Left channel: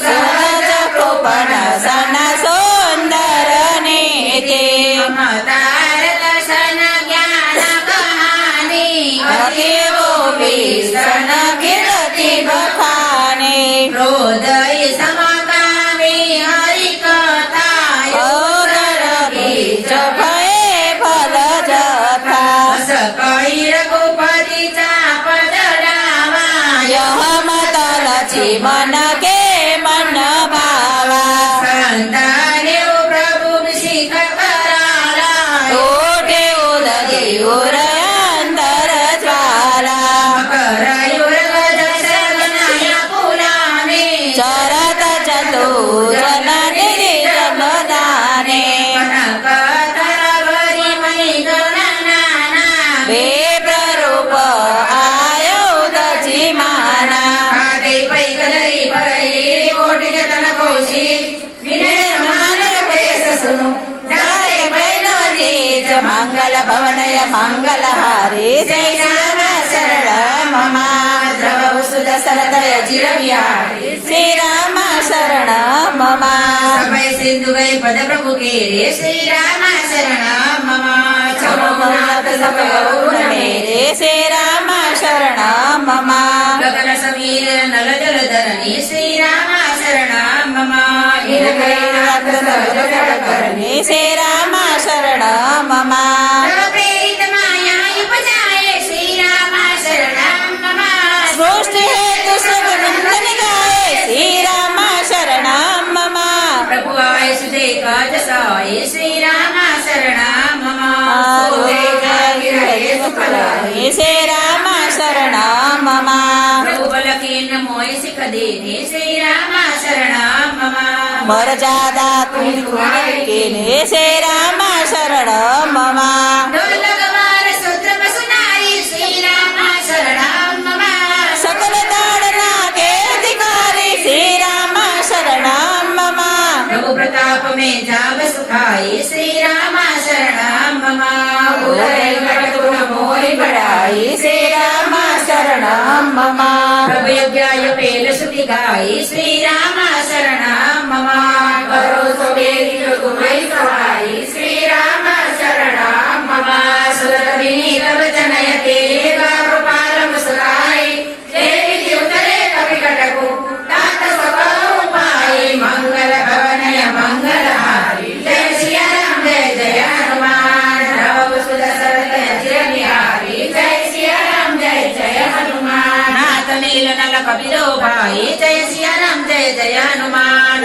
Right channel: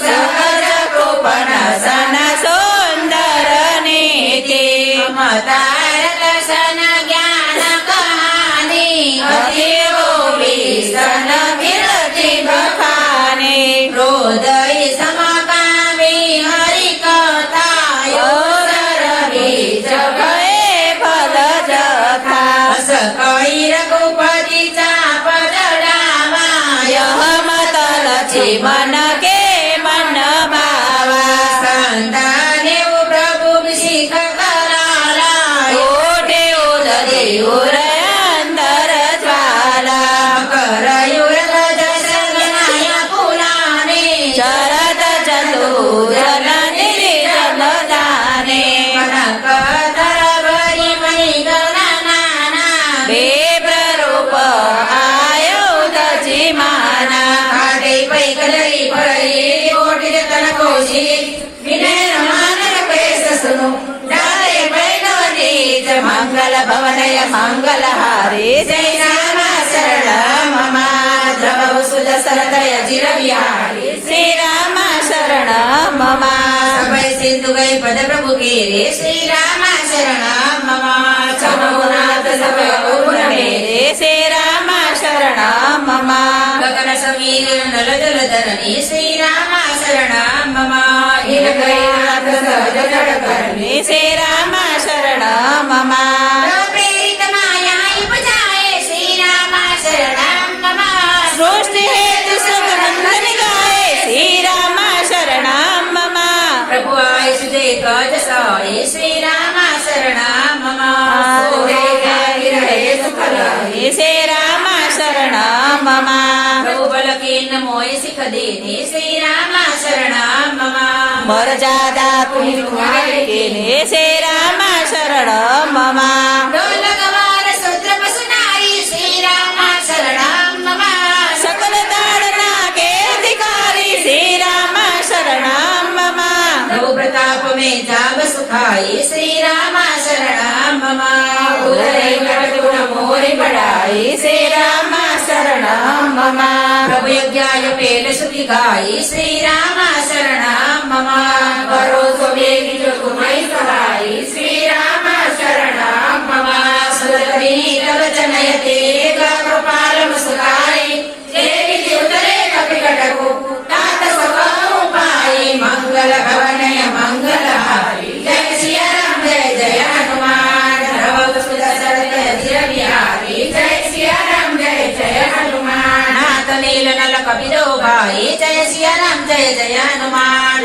सहजको पण सन सुन्दर नीति। सन ज्ञान कहानी कतिवो विसन फिरति बखाने। हृदय समकामी हरि कथा योगर बीज भए फल जथा। सकैरको पति पद डामा यह मतल मन के મકરયુર અંદર જ્વાલા મકરયુર ચરત ચતુર मङ्गल भवनय मङ्गलहारे जय सरल ममा द्रवसुद सरदय जिरविहारे श्रीराम शरण ममा समय सिन्धु वै पद प्रभु के श्रीराम शरण ममा मेरे श्रीराम शरण ममा गगन समीर नल जल धरणे श्रीराम शरण ममा श्रीराम शरणो मम सृष्टिहेतु सुगुणनिगाय श्रीराम शरणं मम प्रभुवाय सुदेकाजसाय श्रीराम शरणं मम श्रीराम शरणं मम प्रभुबलकेन मोयसि कदेने श्रीराम शरणं मम मोर जादा कुमार के ने श्रीराम శరణో మమ. సకల తాడనాకే ధికారి శ్రీరామ శరణం మమ. రఘు ప్రతాపమే జాగ సుఖాయ శ్రీరామ శరణం మమ. గుణమోరిపడాయి శ్రీరామ శరణం మమ. ప్రభుయోగ్యాయ పేల సుతికాయ శ్రీరామ శరణం మమ. पाई जय सिया राम जय जय हनुमान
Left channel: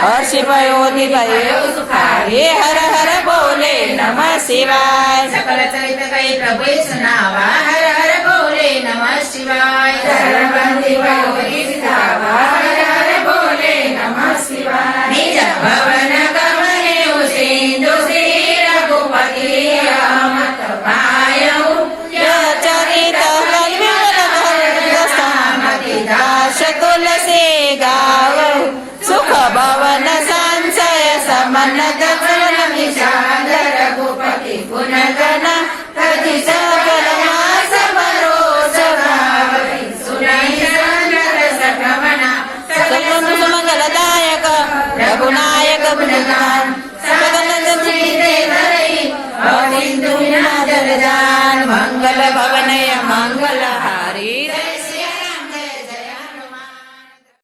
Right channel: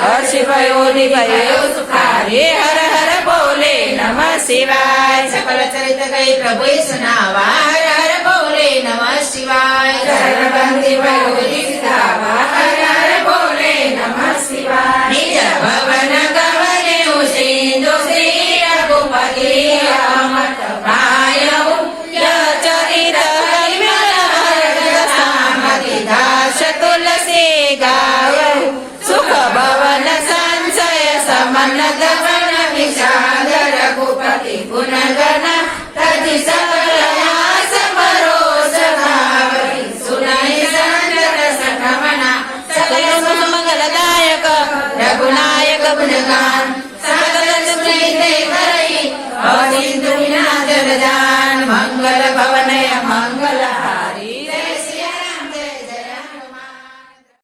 हर्ष भयो भयो सुखारे हर हर बोले नम शिवाय। सकल चरित कै प्रभु सुनावा हर हर बोले नम शिवाय। हर हर बोले नम शिवाय। चरित कल्याण नगर दशामति दास तुलसी गाऊ। భవన సంశయ సమన్నత విషాద రఘుపతి పునగణ ప్రతిసాగర